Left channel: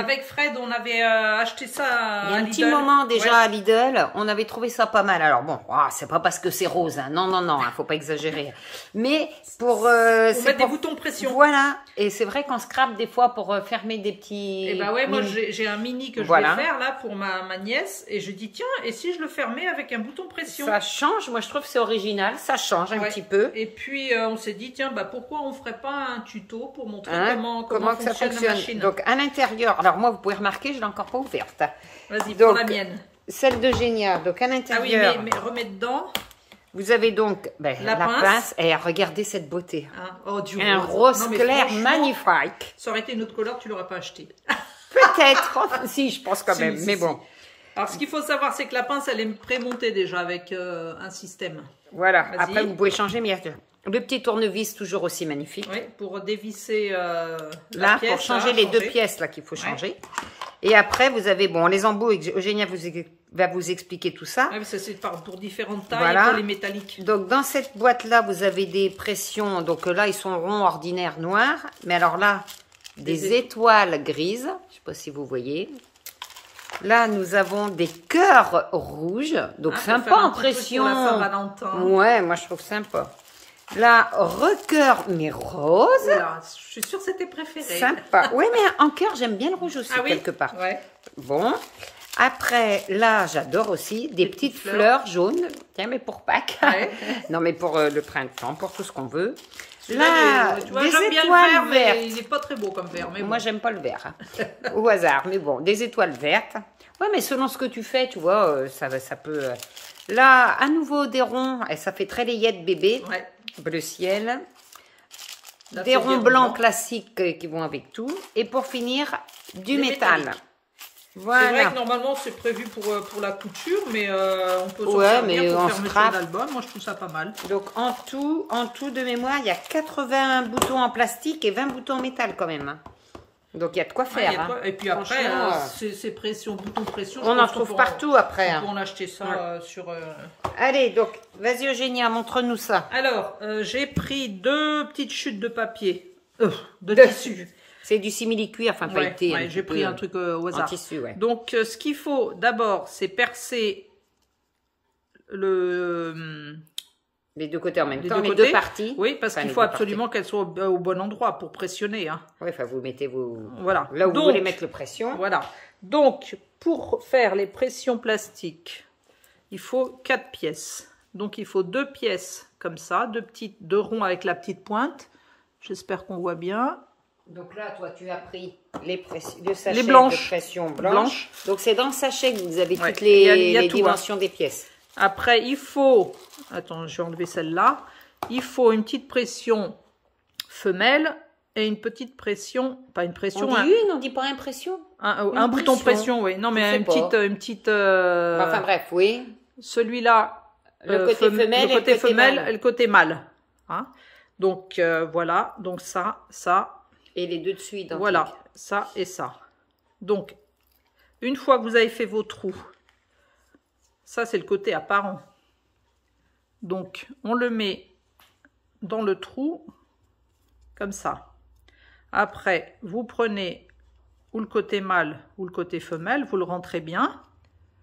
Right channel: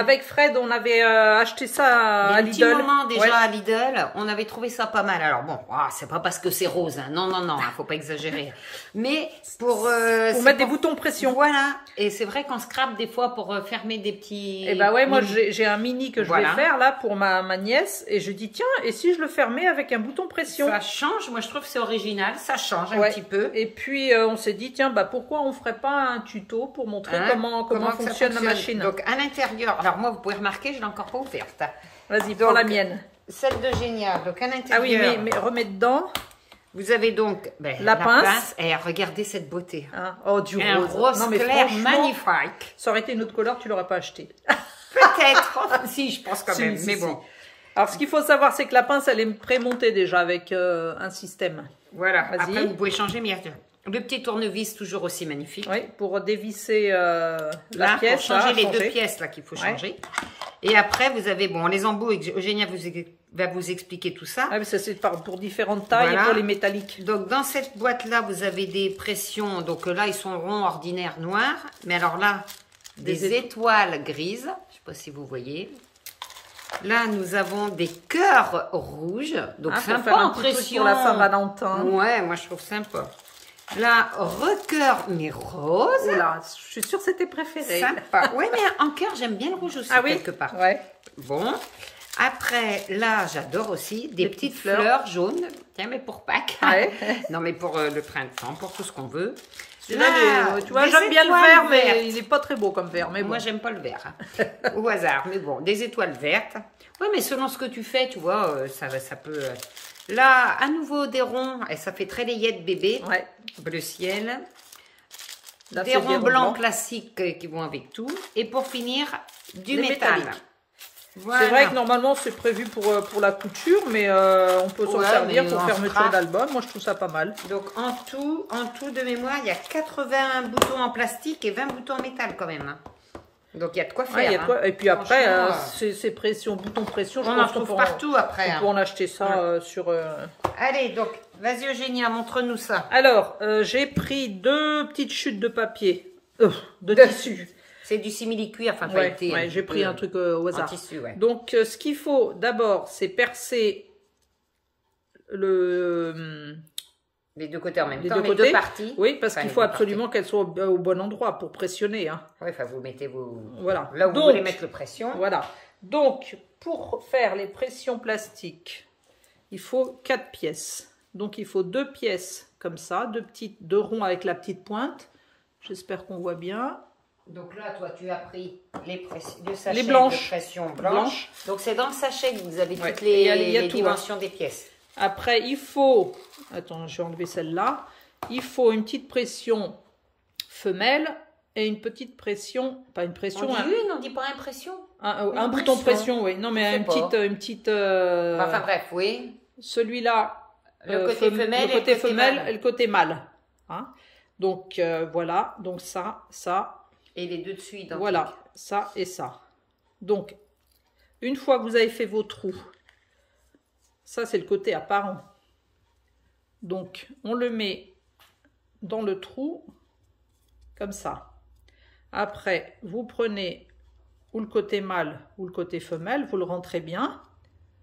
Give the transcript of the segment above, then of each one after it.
avec Fred, on avait acheté ça à Lidl. Il y a un petit moment déjà à Lidl, on avait trouvé ça pas mal. Alors bon, c'est pas parce que c'est rose, hein. Non, non, non, faut pas exagérer. Mais pour mettre des boutons pression. Voilà. Et c'est vrai qu'on scrape des fois pour fermer des petits... Et bah ouais, moi j'ai un mini que je vais faire là pour ma nièce. Et je dis, tiens, et si je le fermais avec un bouton pression? Ça change, moi je trouve que c'est original, ça change un petit peu. Et puis on s'est dit, tiens, bah pourquoi on ferait pas un tuto pour montrer comment fonctionne la machine. Donc à l'intérieur, alors moi vous pouvez remarquer, je l'ai encore pas ouverte. Vas-y, prends la mienne. Celle de Génial. Donc à l'intérieur. Ah oui, mais remets dedans. Vous avez donc la pince. Et regardez cette beauté. Hein? Oh, du un rose clair magnifique. Ça aurait été une autre couleur, tu l'aurais pas acheté. Peut-être. Si, je pense quand même. Mais bon. Alors ce qu'il faut savoir, c'est que la pince, elle est prémontée déjà avec un système. Voilà. Après, vous pouvez changer, bien sûr. Le petit tournevis, toujours aussi magnifique. Oui, pour dévisser la pièce. Pour changer les deux pièces là qu'il faut changer. Et après, vous avez, bon, les embouts, Eugénia va vous expliquer tout ça. Oui, ça c'est pour différentes tailles et pour les métalliques. Donc, dans cette boîte-là, vous avez des pressions. Donc là, ils sont ronds, ordinaires, noirs. Mais alors là, des étoiles grises. Je ne sais pas si vous voyez. Là, nous avons des cœurs rouges. Donc, sympa en pression. Pour la Saint-Valentin. Ouais, moi, je trouve sympa. Là, recœur, mais rose. Oula, je suis sûre que c'était préféré. Sympa. Oui, mais en cœur, j'aime bien le rouge aussi, quelque part. Ouais. Bon. Après, là, j'adore aussi des petites fleurs jaunes. Tiens, mais pour Pâques. Ouais. Non, mais pour le printemps, pour tout ce qu'on veut. Là, tu vois, j'aime bien le vert, mais il n'est pas très beau comme vert. Mais moi, j'aime pas le vert. Au hasard. Mais bon, des étoiles vertes. Ouais, mais selon ce que tu fais, tu vois, ça peut... Là, à nouveau des ronds, et ça fait très layette bébé, bleu ciel. Là, des ronds blancs classiques qui vont avec tout. Et pour finir, du métal. Voilà. C'est vrai que normalement c'est prévu pour la couture, mais on peut s'en servir pour fermeture d'album. Moi je trouve ça pas mal. Donc en tout de mémoire, il y a 80 boutons en plastique et 20 boutons en métal quand même. Donc il y a de quoi faire. Et puis après, ces pressions, boutons pression, on en trouve partout après. On peut en acheter ça sur... Allez, donc, vas-y Eugénia, montre-nous ça. Alors, j'ai pris 2 petites chutes de papier, de tissu. C'est du simili-cuir, enfin, j'ai pris un truc au hasard. Tissu, donc, ce qu'il faut d'abord, c'est percer les deux côtés en même temps, les deux parties. Oui, parce qu'il faut absolument qu'elles soient au bon endroit pour pressionner. Hein. Oui, enfin, vous mettez vos... Voilà. Là où vous voulez mettre les pressions. Voilà. Donc, pour faire les pressions plastiques, il faut 4 pièces. Donc, il faut 2 pièces comme ça, 2 ronds avec la petite pointe. J'espère qu'on voit bien. Donc là, toi, tu as pris le sachet les blanches. De pression blanche. Donc, c'est dans le sachet que vous avez toutes les dimensions des pièces. Après, il faut... Attends, je vais enlever celle-là. Il faut une petite pression femelle et une petite pression... Pas une pression... On dit on dit pas impression. Un bouton pression, oui. Non, mais une petite... Enfin bref, oui. Celui-là, le côté femelle, et le côté mâle. Hein? Donc, voilà. Donc, ça... Et les deux dessus identiques. Voilà, ça et ça. Donc, une fois que vous avez fait vos trous, ça c'est le côté apparent. Donc, on le met dans le trou, comme ça. Après, vous prenez ou le côté mâle ou le côté femelle, vous le rentrez bien.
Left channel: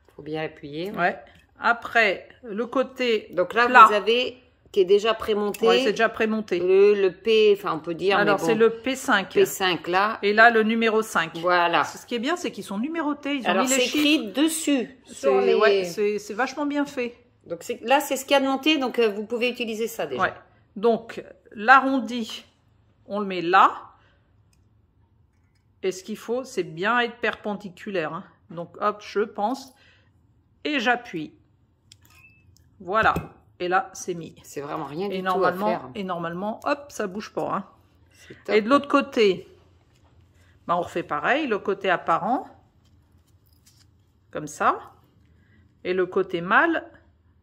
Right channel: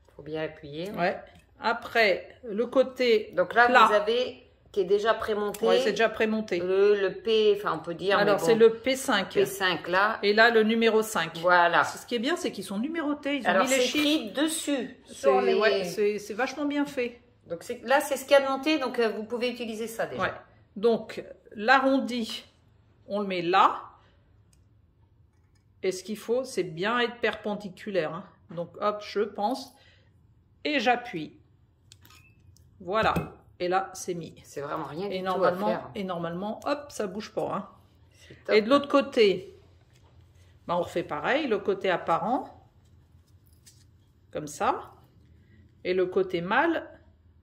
Il faut bien appuyer. Ouais. Après, le côté donc là, plat, vous avez... qui est déjà prémonté. Oui, c'est déjà prémonté. Le P, enfin on peut dire. Alors c'est le P5. P5 là. Et là le numéro 5. Voilà. Ce qui est bien, c'est qu'ils sont numérotés. Ils ont mis les chiffres. Écrit dessus. C'est vachement bien fait. Donc là c'est ce qu'il y a de monté, donc vous pouvez utiliser ça déjà. Ouais. Donc l'arrondi, on le met là. Et ce qu'il faut, c'est bien être perpendiculaire. Hein. Donc hop, je pense. Et j'appuie. Voilà. Et là, c'est mis. C'est vraiment rien du tout à faire. Et normalement, hop, ça bouge pas. Hein. Et de l'autre côté, ben, on refait pareil. Le côté apparent, comme ça. Et le côté mâle,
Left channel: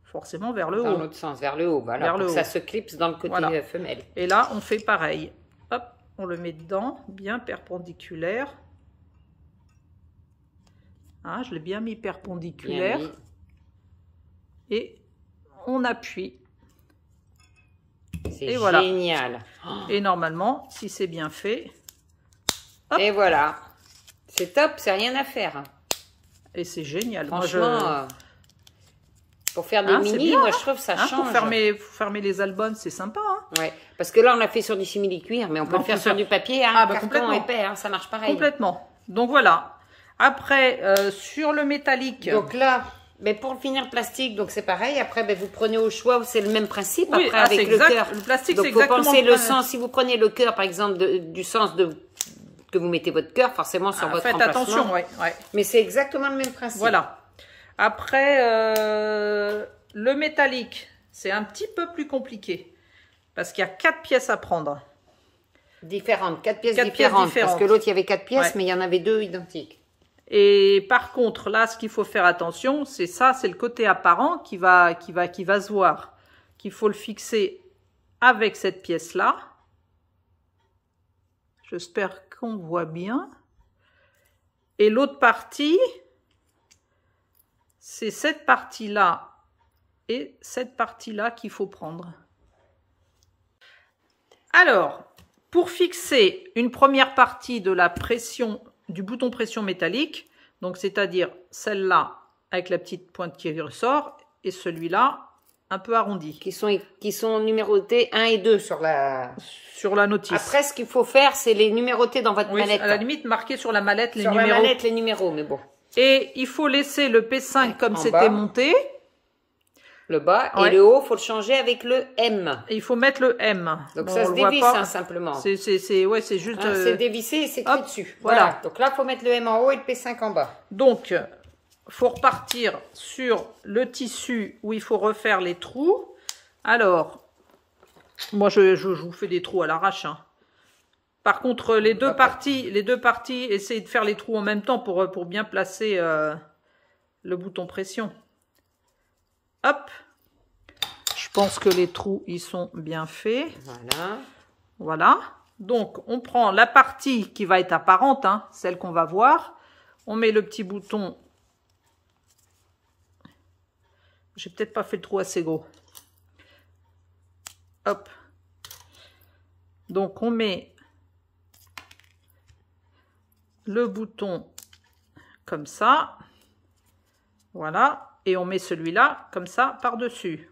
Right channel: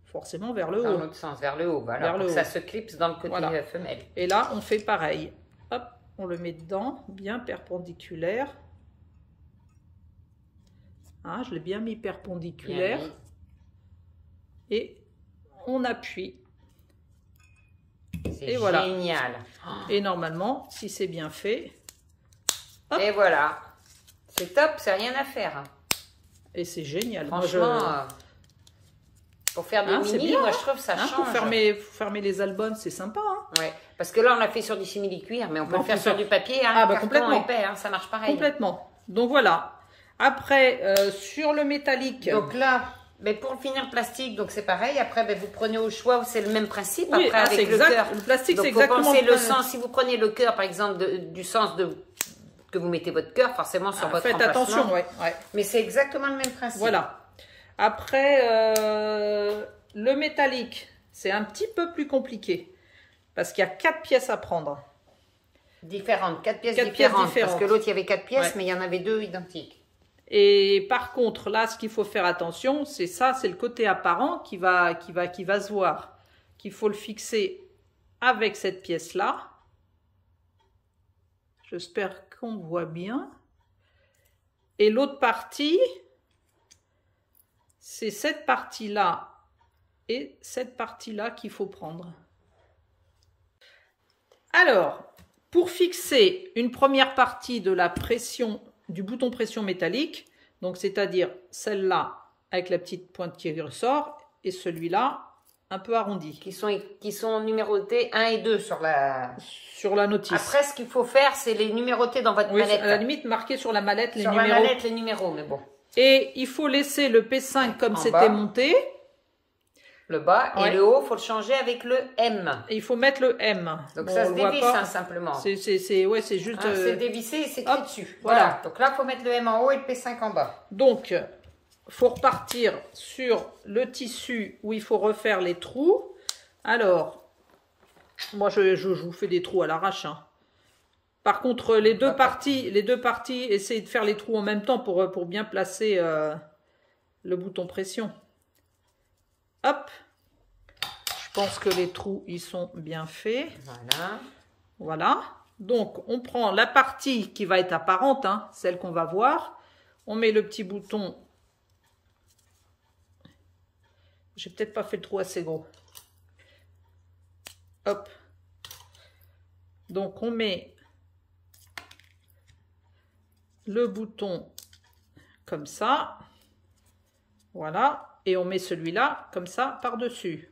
forcément vers le haut. Dans l'autre sens, vers le haut. Voilà, vers le haut. Ça se clipse dans le côté femelle. Et là, on fait pareil. Hop, on le met dedans, bien perpendiculaire. Hein, je l'ai bien mis perpendiculaire. Bien mis. Et on appuie. C'est génial. Et normalement, si c'est bien fait, hop, et voilà. C'est top, c'est rien à faire. Et c'est génial. Franchement, pour faire des mini, bien, moi je trouve que ça change. Pour fermer les albums, c'est sympa. Ouais, parce que là on l'a fait sur du simili-cuir, mais on peut le faire sur du papier. Complètement. Épais, ça marche pareil. Complètement. Donc voilà. Après, sur le métallique. Donc là, mais pour le finir plastique, donc c'est pareil. Après, vous prenez au choix, c'est le même principe. Oui, après, avec le cœur. Le plastique, c'est vous exactement le sens. Si vous prenez le cœur, par exemple, du sens que vous mettez votre cœur, forcément sur votre faites attention, ouais. Mais c'est exactement le même principe. Voilà. Après, le métallique, c'est un petit peu plus compliqué. Parce qu'il y a 4 pièces à prendre. Différentes, 4 pièces différentes. Parce que l'autre, il y avait 4 pièces, mais il y en avait 2 identiques. Et par contre, là, ce qu'il faut faire attention, c'est ça, c'est le côté apparent qui va se voir. Qu'il faut le fixer avec cette pièce-là. J'espère qu'on voit bien. Et l'autre partie, c'est cette partie-là et cette partie-là qu'il faut prendre. Alors, pour fixer une première partie de la pression, du bouton pression métallique, donc c'est-à-dire celle-là avec la petite pointe qui ressort et celui-là un peu arrondi. Qui sont numérotés 1 et 2 sur la notice. Après, ce qu'il faut faire, c'est les numéroter dans votre mallette. À la limite, marquer sur la mallette les numéros. Sur la mallette, les numéros, mais bon. Et il faut laisser le P5 comme c'était monté. Le bas et le haut, il faut le changer avec le M. Et il faut mettre le M. Donc ça se dévisse simplement. C'est juste... c'est dévissé et c'est écrit dessus. Voilà. Donc là, il faut mettre le M en haut et le P5 en bas. Donc, il faut repartir sur le tissu où il faut refaire les trous. Alors, moi, je vous fais des trous à l'arrache. Par contre, les deux parties, essayez de faire les trous en même temps pour bien placer le bouton pression. Hop. Je pense que les trous, ils sont bien faits. Voilà. Voilà. Donc, on prend la partie qui va être apparente, celle qu'on va voir. On met le petit bouton. J'ai peut-être pas fait le trou assez gros. Hop. Donc, on met le bouton comme ça. Voilà. Et on met celui-là comme ça par-dessus.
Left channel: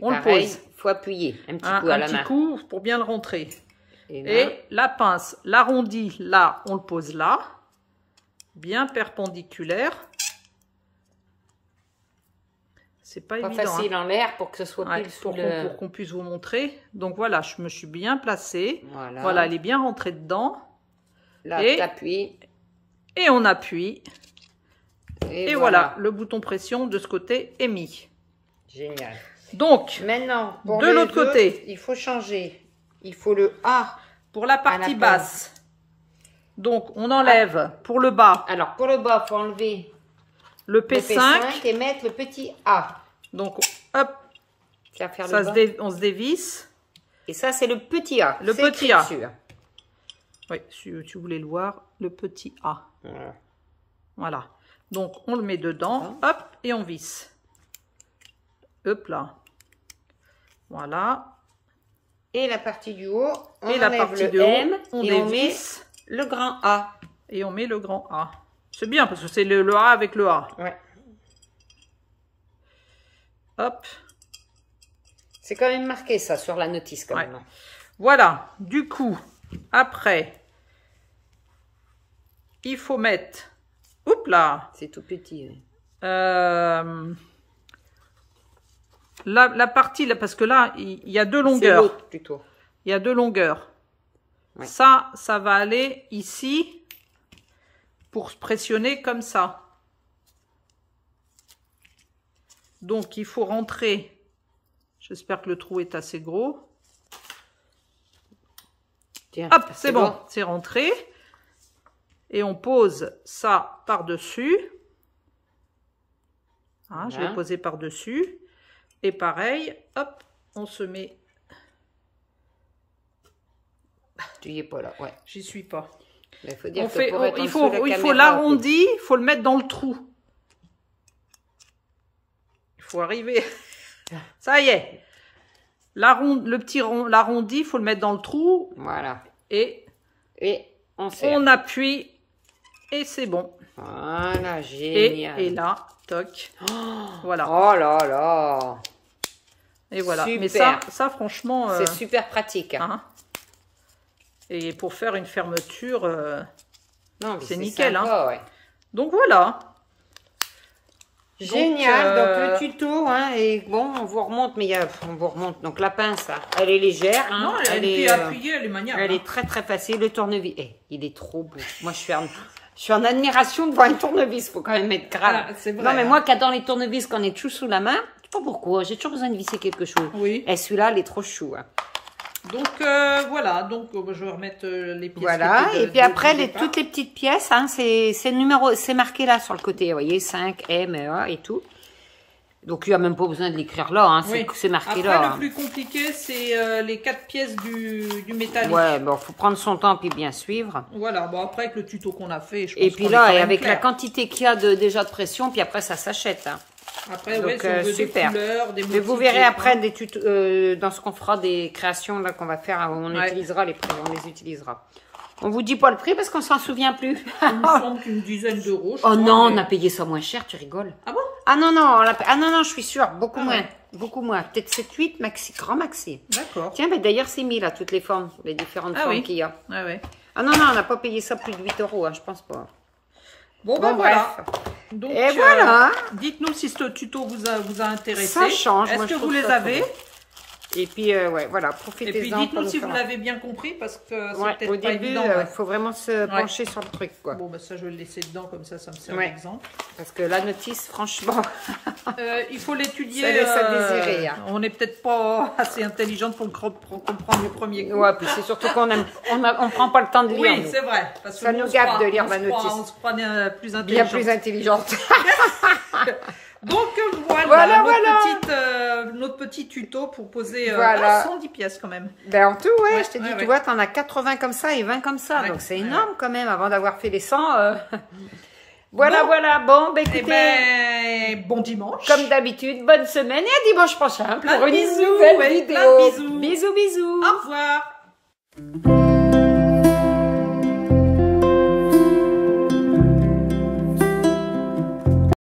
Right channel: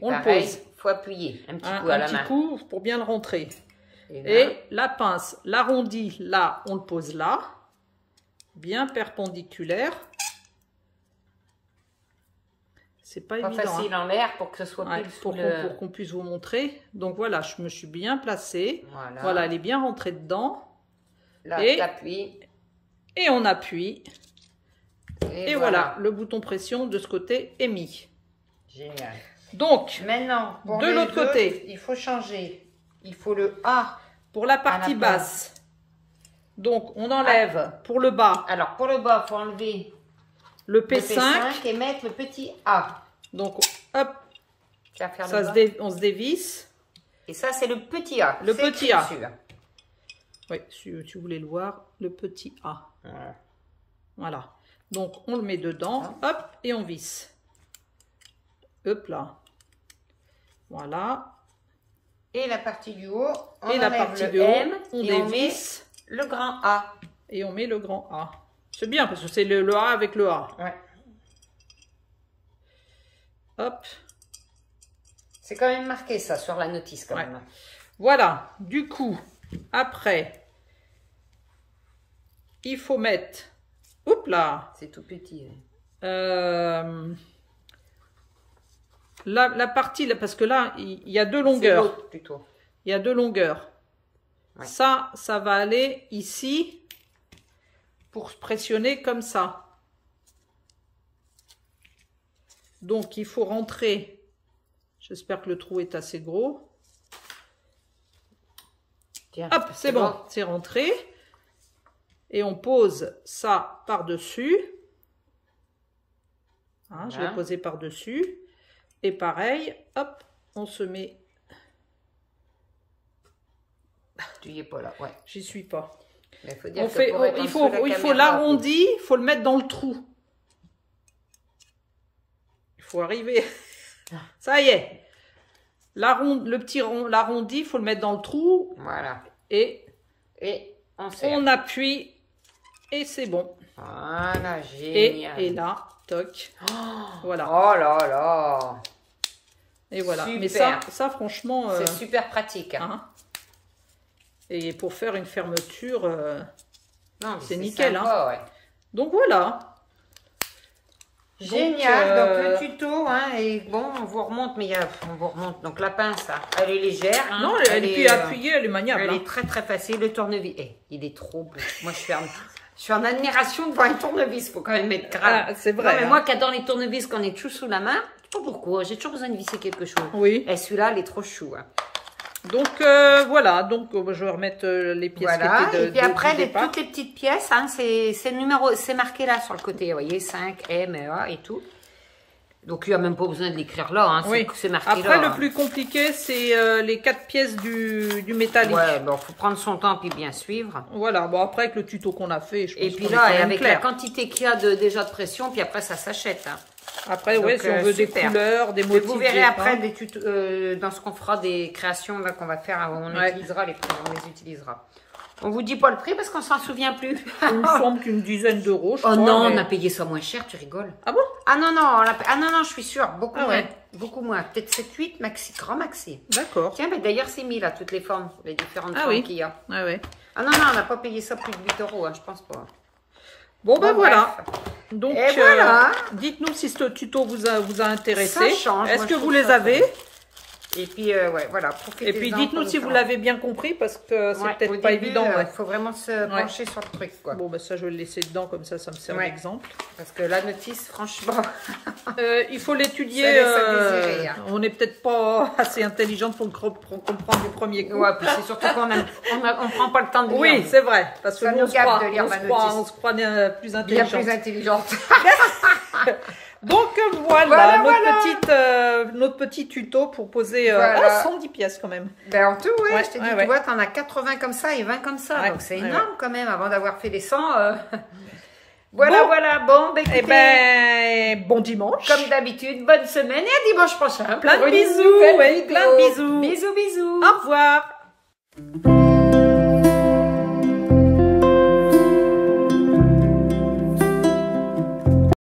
On le pose. Il faut appuyer un petit coup à la main. Un petit coup pour bien le rentrer. Et la pince, l'arrondi, là, on le pose là. Bien perpendiculaire. C'est pas évident. Pas facile en l'air pour que ce soit plus pour qu'on puisse vous montrer. Donc voilà, je me suis bien placée. Voilà, elle est bien rentrée dedans. Là, et t'appuies. Et on appuie. Et voilà, le bouton pression de ce côté est mis. Génial. Donc, maintenant, de l'autre côté, il faut changer. Il faut le A pour la partie basse. Donc, on enlève pour le bas. Alors, pour le bas, il faut enlever le P5 et mettre le petit A. Donc, hop, on se dévisse. Et ça, c'est le petit A. Le petit A. Oui, si tu voulais le voir, le petit A. Voilà. Donc, on le met dedans, hop, et on visse. Hop là. Voilà. Et la partie du haut, on enlève le M et on met le grand A. Et on met le grand A. C'est bien parce que c'est le A avec le A. Ouais. Hop. C'est quand même marqué ça sur la notice quand même. Voilà. Du coup, après, il faut mettre... Oups là. C'est tout petit. La partie, là, parce que là, il y a deux longueurs. C'est l'autre plutôt. Il y a deux longueurs. Ouais. Ça va aller ici pour se pressionner comme ça. Donc, il faut rentrer. J'espère que le trou est assez gros. Tiens, hop, c'est bon, c'est rentré. Et on pose ça par-dessus. Hein, je l'ai posé par-dessus. Et pareil, hop, on se met... Tu y es pas là, ouais. J'y suis pas. Il faut l'arrondir, il faut le mettre dans le trou. Il faut arriver. Ça y est. L'arrondi, il faut le mettre dans le trou. Voilà. Et on appuie Et c'est bon. Voilà, génial. Et là, toc. Voilà. Oh là là. Et voilà. Super. Mais ça franchement... c'est super pratique. Hein. Et pour faire une fermeture, c'est nickel. Sympa, hein. Ouais. Donc voilà. Génial. Donc le tuto, hein, et bon, on vous remonte, mais on vous remonte. Donc la pince, là, elle est légère. Hein, non, elle est puis appuyée, elle est maniable. Elle est très très facile. Le tournevis, il est trop beau. Moi, je suis en admiration devant un tournevis. Faut quand même être grave. Ah, c'est vrai. Non, mais hein. moi qui adore les tournevis, qu'on est tout sous la main, je sais pas pourquoi. J'ai toujours besoin de visser quelque chose. Oui. Et celui-là, il est trop chou. Hein. Donc voilà, donc je vais remettre les pièces voilà. qui étaient Et puis après, départ. toutes les petites pièces, hein, c'est marqué là sur le côté, vous voyez, 5, M, A et tout. Donc il n'y a même pas besoin de l'écrire là, hein, oui. c'est marqué après, là. Après, le hein. plus compliqué, c'est les 4 pièces du métallique. Ouais, bon, faut prendre son temps puis bien suivre. Voilà, bon après avec le tuto qu'on a fait, je pense et puis qu'on là, est quand même avec clair. la quantité qu'il y a déjà de pression, puis après ça s'achète. Hein. Après, donc, ouais, si on veut des couleurs, des motifs. Vous verrez après des tutos, dans ce qu'on fera des créations là qu'on va faire, on utilisera les prix, on les utilisera. On vous dit pas le prix parce qu'on s'en souvient plus. Il me semble qu'une dizaine d'euros. Oh non, on a payé ça moins cher, tu rigoles. Ah bon? Ah non, non, je suis sûre, beaucoup moins. Ouais. Beaucoup moins, peut-être 7-8 maxi, grand maxi. D'accord. Tiens, mais d'ailleurs c'est mis là, toutes les formes, les différentes formes qu'il y a. Ah ouais. Ah non, on n'a pas payé ça plus de 8 euros, hein, je pense pas. Bon ben voilà. Bref. Donc, voilà. Dites-nous si ce tuto vous a intéressé. Est-ce que vous les ça avez? Et puis, ouais, voilà, profitez-en. Et puis, dites-nous si vous l'avez bien compris, parce que c'est peut-être pas évident. Il faut vraiment se pencher sur le truc, quoi. Bon, ben ça, je vais le laisser dedans, comme ça me sert d'exemple. Parce que la notice, franchement... il faut l'étudier. On n'est peut-être pas assez intelligente pour le comprendre du premier coup. Ouais, puis c'est surtout qu'on on prend pas le temps de lire. Oui, c'est vrai. Parce que ça nous gâte de lire la notice. On se croit plus intelligente. Bien plus intelligente. Donc voilà, notre petit tuto pour poser 110 pièces quand même. Ben en tout, ouais, je t'ai dit, tu vois, t'en as 80 comme ça et 20 comme ça. Donc c'est énorme quand même, avant d'avoir fait les 100. Voilà, bon, ben écoutez. Bon dimanche. Comme d'habitude, bonne semaine et à dimanche prochain. Plein de bisous, plein de bisous. Bisous. Au revoir.